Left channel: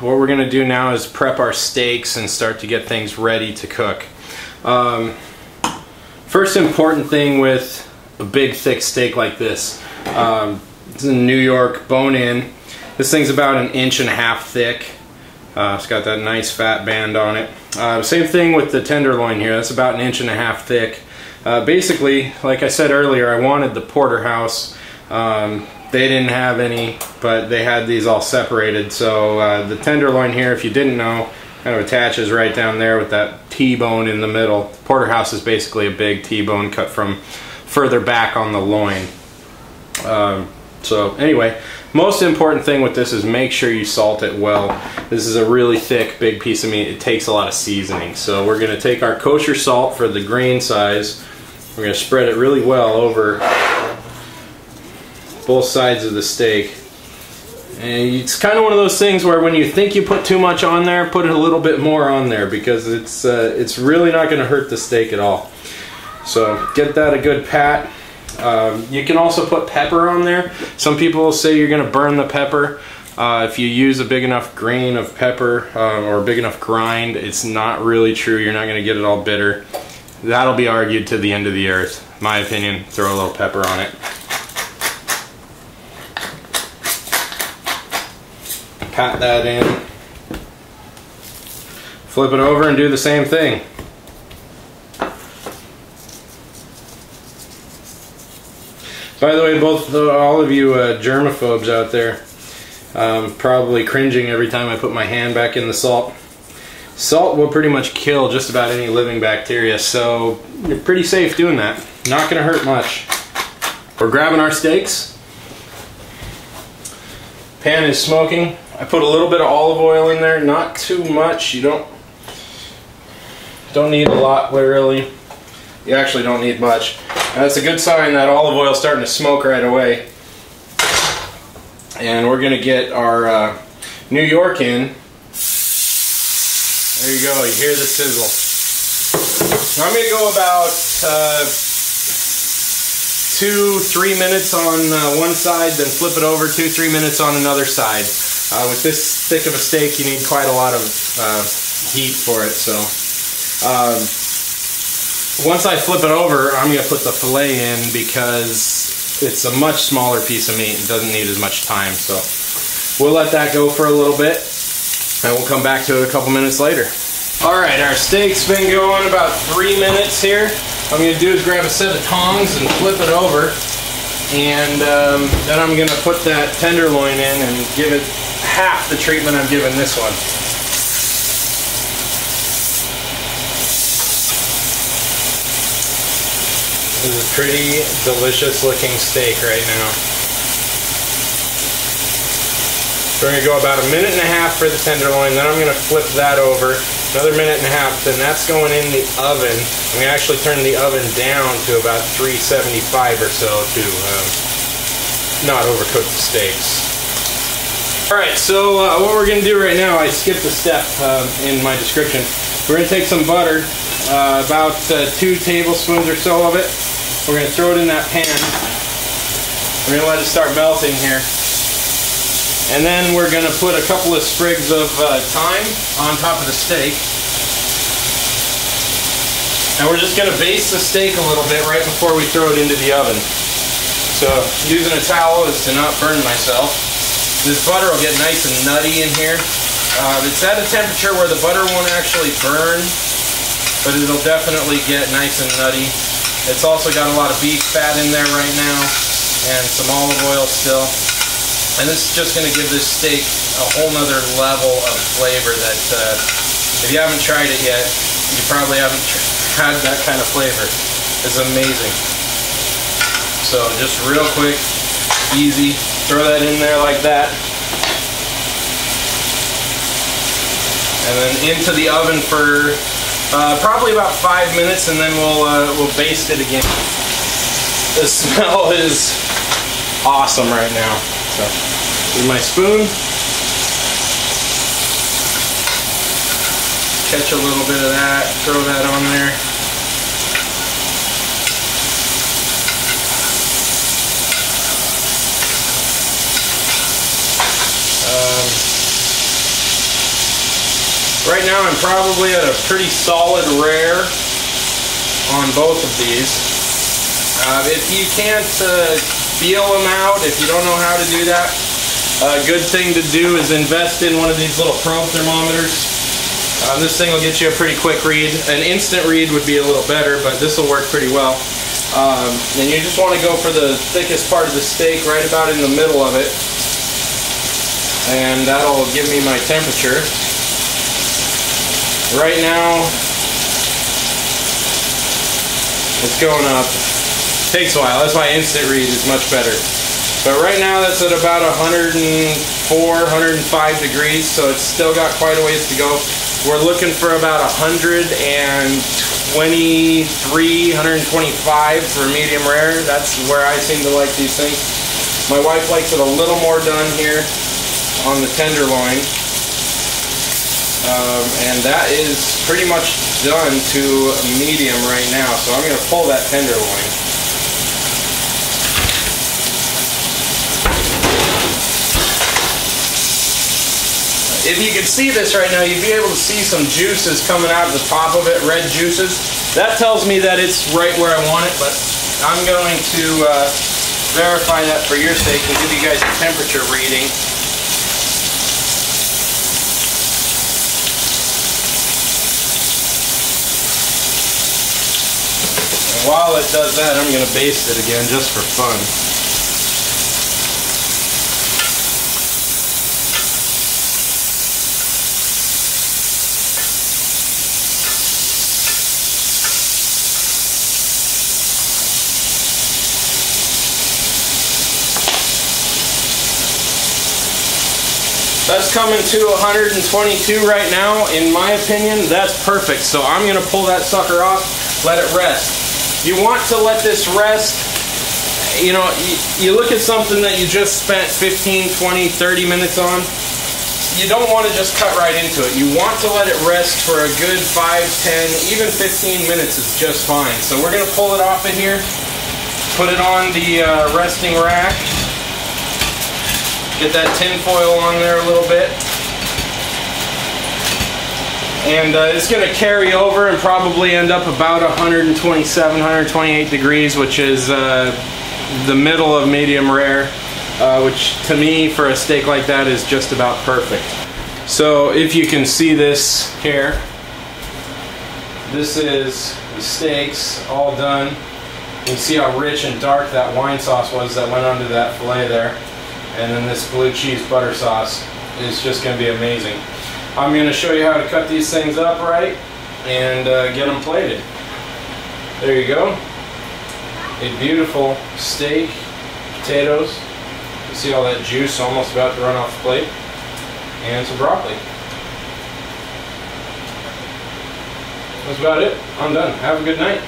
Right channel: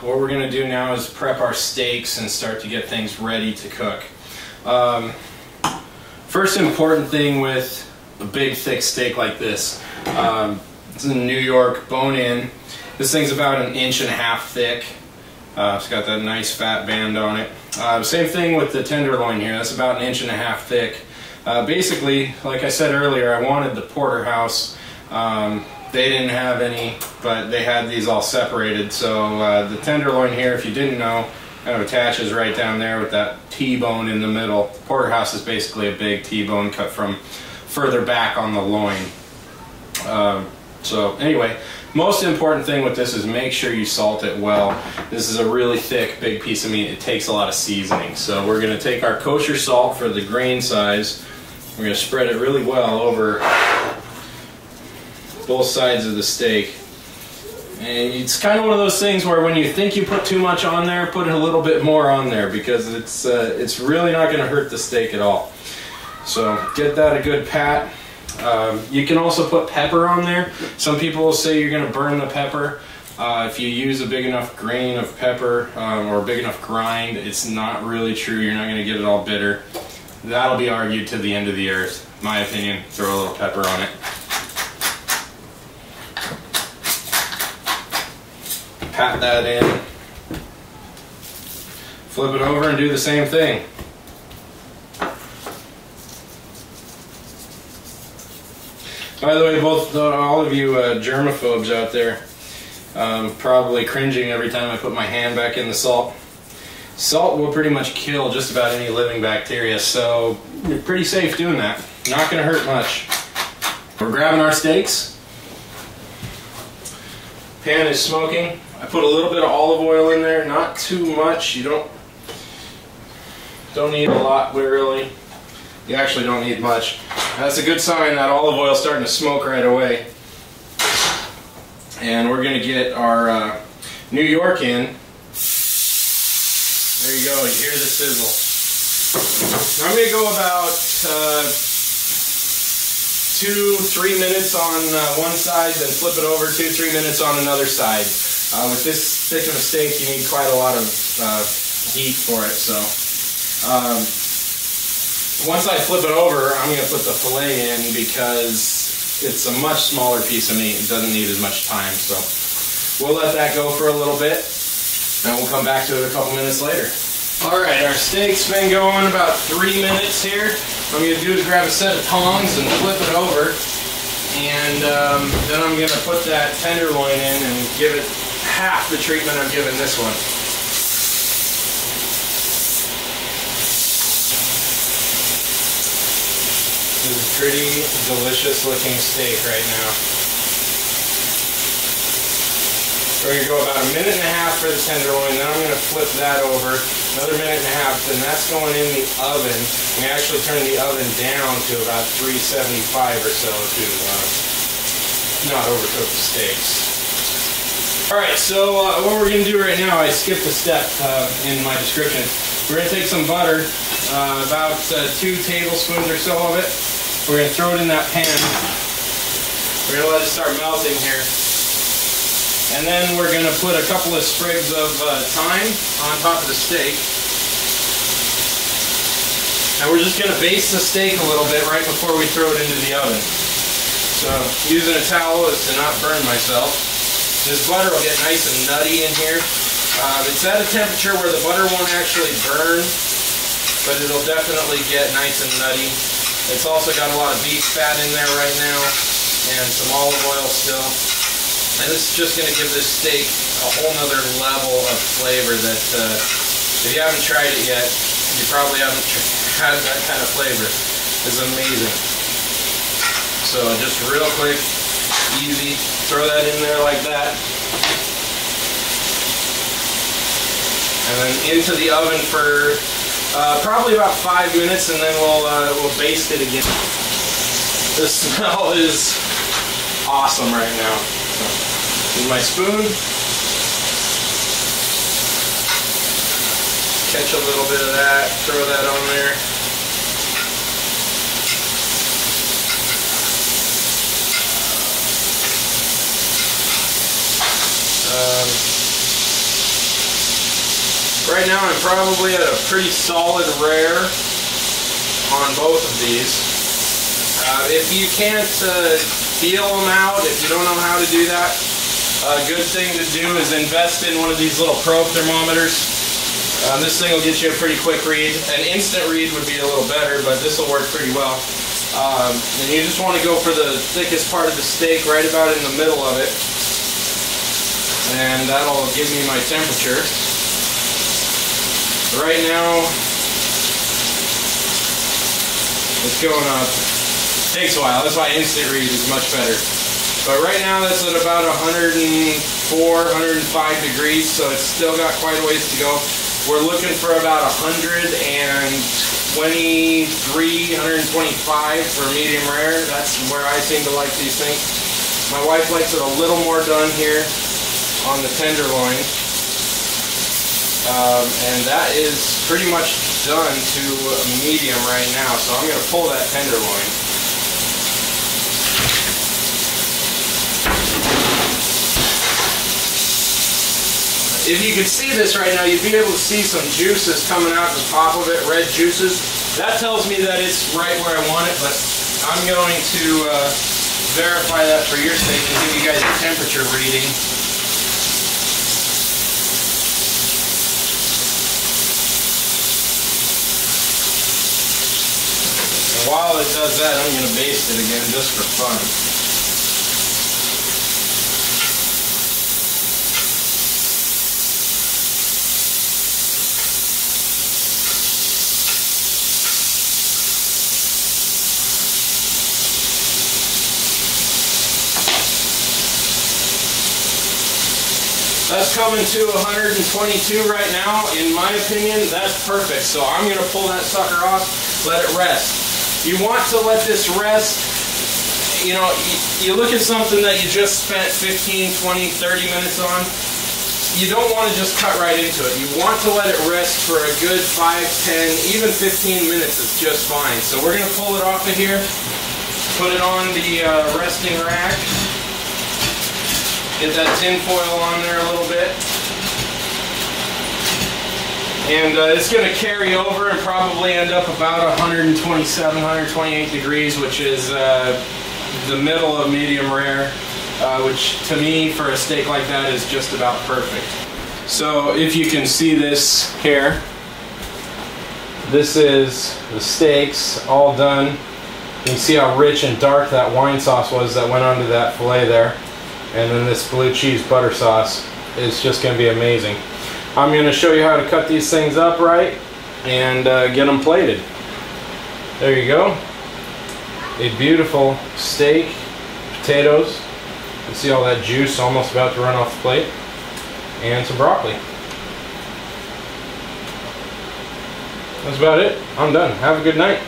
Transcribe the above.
what we're going to do now is prep our steaks and start to get things ready to cook. First important thing with a big thick steak like this, it's a New York bone-in. This thing's about 1.5 inches thick. It's got that nice fat band on it. Same thing with the tenderloin here. That's about 1.5 inches thick. Basically, like I said earlier, I wanted the porterhouse. They didn't have any, but they had these all separated. So the tenderloin here, if you didn't know, kind of attaches right down there with that T-bone in the middle. Porterhouse is basically a big T-bone cut from further back on the loin. So anyway, most important thing with this is make sure you salt it well. This is a really thick, big piece of meat. It takes a lot of seasoning. So we're going to take our kosher salt for the grain size. We're going to spread it really well over both sides of the steak. And it's kind of one of those things where when you think you put too much on there, put a little bit more on there, because it's really not going to hurt the steak at all. So get that a good pat. You can also put pepper on there. Some people will say you're going to burn the pepper. If you use a big enough grain of pepper or a big enough grind, it's not really true. You're not going to get it all bitter. That'll be argued to the end of the earth. My opinion, throw a little pepper on it. Pat that in. Flip it over and do the same thing. By the way, all of you germaphobes out there, probably cringing every time I put my hand back in the salt. Salt will pretty much kill just about any living bacteria, so you're pretty safe doing that. Not going to hurt much. We're grabbing our steaks. Pan is smoking. I put a little bit of olive oil in there, not too much. You don't need a lot, literally. You actually don't need much. That's a good sign that olive oil is starting to smoke right away. And we're going to get our New York in. There you go, you hear the sizzle. I'm going to go about 2-3 minutes on one side, then flip it over 2-3 minutes on another side. With this thick of a steak, you need quite a lot of heat for it. So once I flip it over, I'm going to put the filet in because it's a much smaller piece of meat and doesn't need as much time. So we'll let that go for a little bit, and we'll come back to it a couple minutes later. Alright, our steak's been going about 3 minutes here. What I'm going to do is grab a set of tongs and flip it over, and then I'm going to put that tenderloin in and give it half the treatment I'm giving this one. This is a pretty delicious looking steak right now. We're going to go about 1.5 minutes for the tenderloin, then I'm going to flip that over, another 1.5 minutes, then that's going in the oven. I'm going to actually turn the oven down to about 375 or so to not overcook the steaks. Alright, so what we're going to do right now, I skipped a step in my description. We're going to take some butter, about 2 tablespoons or so of it. We're going to throw it in that pan. We're going to let it start melting here. And then we're going to put a couple of sprigs of thyme on top of the steak. And we're just going to baste the steak a little bit right before we throw it into the oven. So using a towel is to not burn myself. This butter will get nice and nutty in here. It's at a temperature where the butter won't actually burn, but it'll definitely get nice and nutty. It's also got a lot of beef fat in there right now, and some olive oil still. And this is just going to give this steak a whole nother level of flavor that, if you haven't tried it yet, you probably haven't had that kind of flavor. It's amazing. So just real quick, easy, throw that in there like that. And then into the oven for probably about 5 minutes, and then we'll baste it again. The smell is awesome right now. So, here's my spoon. Catch a little bit of that, throw that on there. Right now I'm probably at a pretty solid rare on both of these. If you can't feel them out, if you don't know how to do that, a good thing to do is invest in one of these little probe thermometers. This thing will get you a pretty quick read. An instant read would be a little better, but this will work pretty well. And you just want to go for the thickest part of the steak, right about in the middle of it. And that'll give me my temperature. Right now, it's going up. Takes a while. That's why instant read is much better. But right now that's at about 104, 105 degrees, so it's still got quite a ways to go. We're looking for about 123, 125 for medium rare. That's where I seem to like these things. My wife likes it a little more done here on the tenderloin. And that is pretty much done to medium right now, so I'm going to pull that tenderloin. If you could see this right now, you'd be able to see some juices coming out at the top of it, red juices. That tells me that it's right where I want it, but I'm going to verify that for your sake and give you guys a temperature reading. While it does that, I'm going to baste it again just for fun. That's coming to 122 right now. In my opinion, that's perfect. So I'm going to pull that sucker off, let it rest. You want to let this rest. You know, you look at something that you just spent 15, 20, 30 minutes on. You don't want to just cut right into it. You want to let it rest for a good 5, 10, even 15 minutes is just fine. So we're going to pull it off of here, put it on the resting rack. Get that tin foil on there a little bit. And it's going to carry over and probably end up about 127, 128 degrees, which is the middle of medium rare, which to me, for a steak like that, is just about perfect. So if you can see this here, this is the steaks all done. You can see how rich and dark that wine sauce was that went onto that filet there. And then this blue cheese butter sauce is just going to be amazing. I'm going to show you how to cut these things up right and get them plated. There you go. A beautiful steak, potatoes. You can see all that juice almost about to run off the plate. And some broccoli. That's about it. I'm done. Have a good night.